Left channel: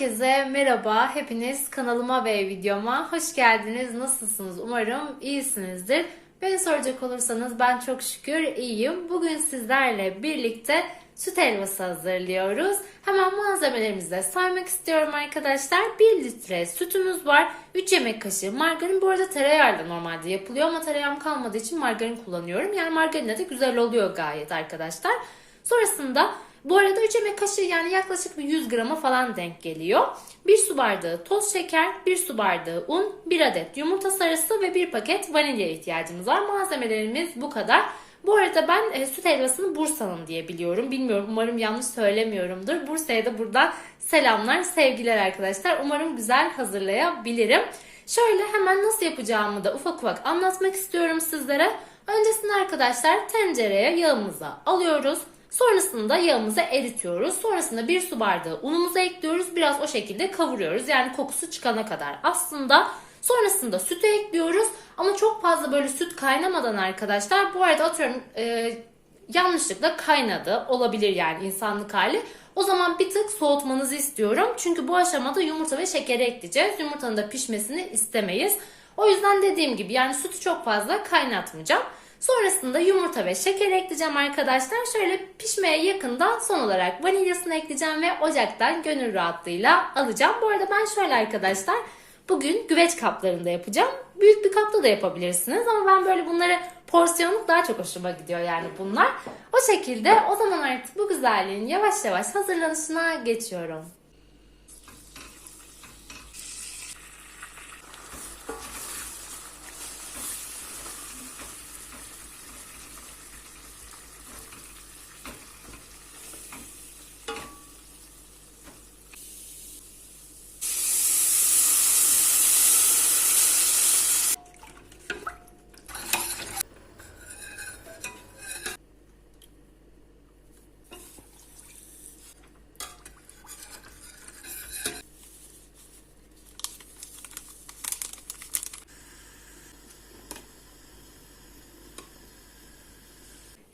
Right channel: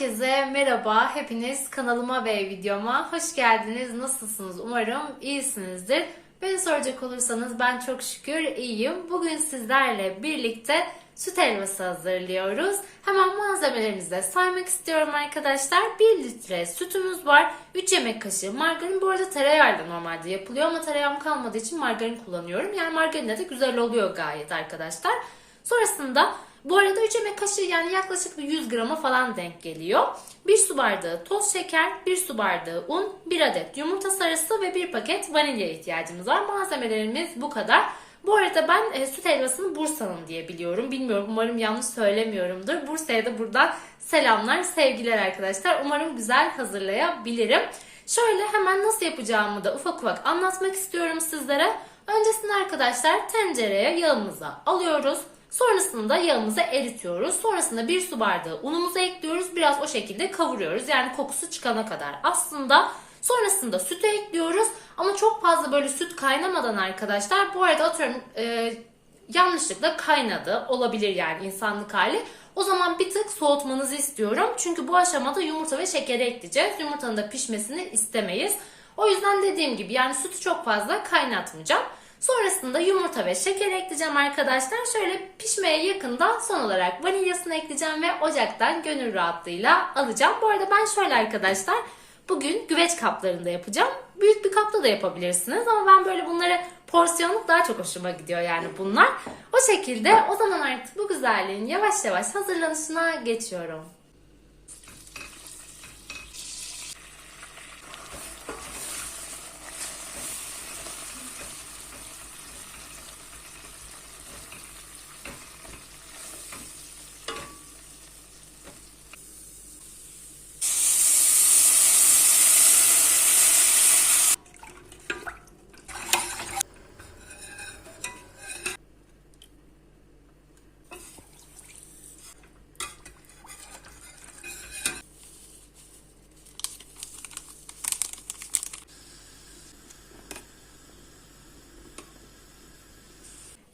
Herkese merhaba. Hepiniz kanalıma ve videoma hoş geldiniz. Nasılsınız? Umarım iyisinizdir. Beni soracak olursanız ben çok şükür iyiyim. Bugün sizlerle birlikte süt helvası hazırlıyoruz. Hemen malzemelerimizi saymak istiyorum arkadaşlar. 1 litre sütümüz var. 3 yemek kaşığı margarin. Bu arada tereyağıyla normalde yapılıyor ama tereyağım kalmadığı için margarin kullanıyorum. Yani margarinle de güzel oluyor gayet arkadaşlar. Sonrasında bu arada 3 yemek kaşığı yani yaklaşık bir 100 grama falan denk geliyor. 1 su bardağı toz şeker, 1 su bardağı un, 1 adet yumurta sarısı ve 1 paket vanilya ihtiyacımız var. Malzemelerimiz bu kadar. Bu arada ben e, süt helvasını Bursa'nın diye biliyorum. Bilmiyorum umarım yanlış söylemiyorumdur. Bursa'ya da buradan selamlar, sevgiler arkadaşlar. Umarım güzel hazırlayabilirim. Şöyle hemen nasıl yapacağımı da ufak ufak anlatmak istiyorum sizlere. Öncesinde arkadaşlar tencereye yağımızı alıyoruz. Sonrasında yağımızı eritiyoruz. Sonrasında bir su bardağı unumuzu ekliyoruz. Biraz o şekilde kavuruyoruz. Yani kokusu çıkana kadar. Aslında sonrasında sütü ekliyoruz. Ama çok fazla böyle süt kaynamadan arkadaşlar. Bu arada atıyorum e, yanlışlıkla kaynadı. Olabilir yani insanlık hali. O zaman bir tık soğutmanızı istiyorum. Çünkü bu aşamada yumurta ve şekeri ekleyeceğiz. Yumurtanın da pişmesini istemeyiz. O yüzden dediğim gibi yani sütü çok fazla kaynatmayacağım. Sonrasında yumurta ve şeker ekleyeceğim arkadaşlar. Şöyle pişmeye yakından son olarak vanilyasını ekleyeceğim ve ocaktan gönül rahatlığıyla alacağım. Bu arada ben şöyle arkadaşlar bugün güveç kaplarında yapacağım. Büyük bir kapta da yapabilirsiniz ama ben böyle bunları porsiyonluk daha çok hoşuma gidiyor yani bunlar. O şekilde o zaman artık bu güzelliğin yavaş yavaş hazırlanışına geçiyorum.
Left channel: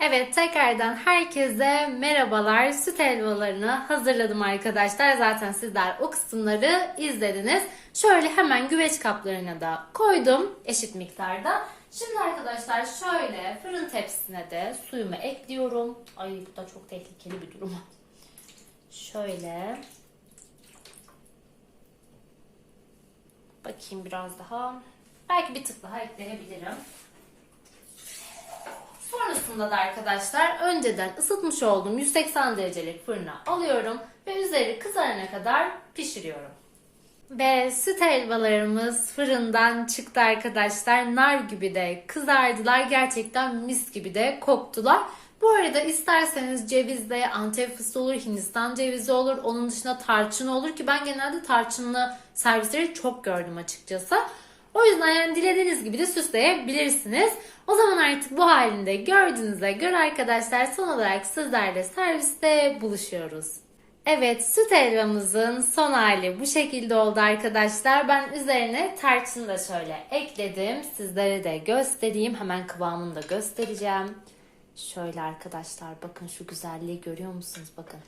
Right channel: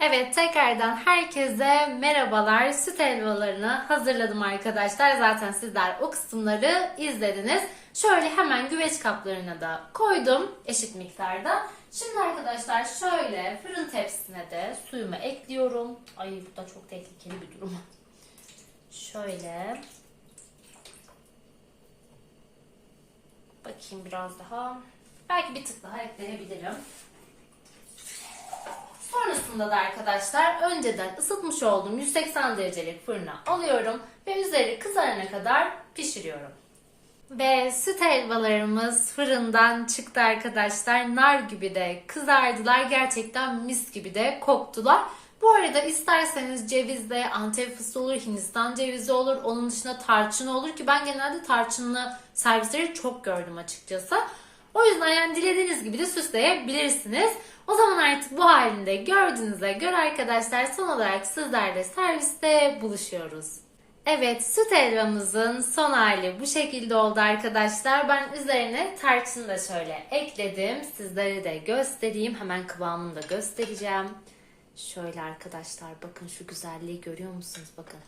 Evet tekrardan herkese merhabalar. Süt helvalarını hazırladım arkadaşlar. Zaten sizler o kısımları izlediniz. Şöyle hemen güveç kaplarına da koydum eşit miktarda. Şimdi arkadaşlar şöyle fırın tepsisine de suyumu ekliyorum. Ay bu da çok tehlikeli bir durum. Şöyle. Bakayım biraz daha. Belki bir tık daha ekleyebilirim. Sonrasında da arkadaşlar önceden ısıtmış olduğum 180 derecelik fırına alıyorum ve üzeri kızarana kadar pişiriyorum. Ve süt helvalarımız fırından çıktı arkadaşlar. Nar gibi de kızardılar. Gerçekten mis gibi de koktular. Bu arada isterseniz cevizle antep fıstığı olur, hindistan cevizi olur. Onun dışında tarçın olur ki ben genelde tarçınlı servisleri çok gördüm açıkçası. O yüzden yani dilediğiniz gibi de süsleyebilirsiniz. O zaman artık bu halinde gördüğünüze göre arkadaşlar son olarak sizlerle serviste buluşuyoruz. Evet süt helvamızın son hali bu şekilde oldu arkadaşlar. Ben üzerine tarçını da şöyle ekledim. Sizlere de göstereyim. Hemen kıvamını da göstereceğim. Şöyle arkadaşlar bakın şu güzelliği görüyor musunuz? Bakın.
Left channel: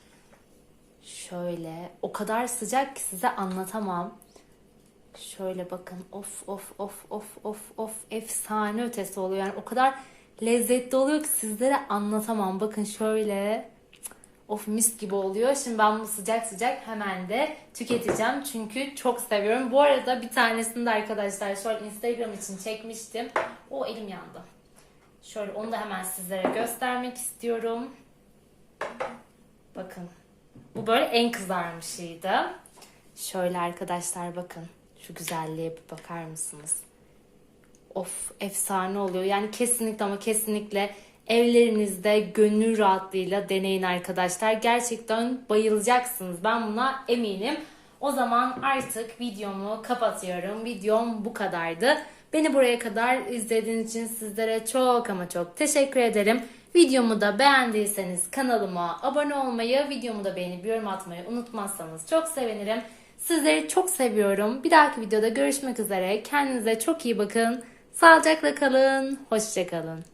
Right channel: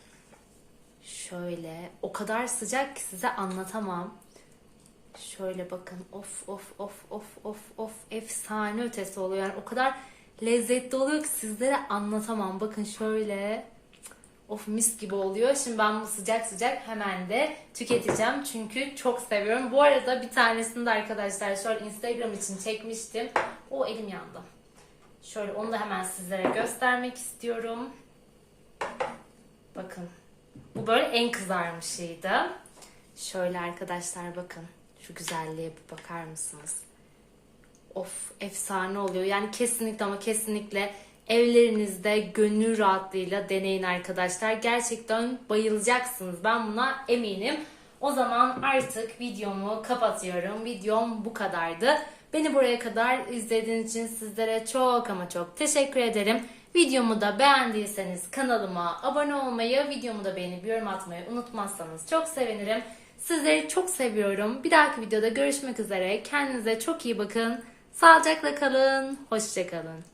Şöyle o kadar sıcak ki size anlatamam. Şöyle bakın of of of of of of efsane ötesi oluyor. Yani o kadar lezzetli oluyor ki sizlere anlatamam. Bakın şöyle of mis gibi oluyor. Şimdi ben bunu sıcak sıcak hemen de tüketeceğim. Çünkü çok seviyorum. Bu arada bir tanesini de arkadaşlar şöyle Instagram için çekmiştim. O elim yandı. Şöyle onu da hemen sizlere göstermek istiyorum. Bakın. Bu böyle en kızarmışıydı. Şöyle arkadaşlar bakın. Şu güzelliğe bir bakar mısınız? Of efsane oluyor. Yani kesinlikle ama kesinlikle evlerinizde gönül rahatlığıyla deneyin arkadaşlar. Gerçekten bayılacaksınız. Ben buna eminim. O zaman artık videomu kapatıyorum. Videom bu kadardı. Beni buraya kadar izlediğiniz için sizlere çok ama çok teşekkür ederim. Videomu da beğendiyseniz kanalıma abone olmayı, videomu da beğenip yorum atmayı unutmazsanız çok sevinirim. Sizleri çok seviyorum. Bir dahaki videoda görüşmek üzere. Kendinize çok iyi bakın. Sağlıcakla kalın. Hoşçakalın.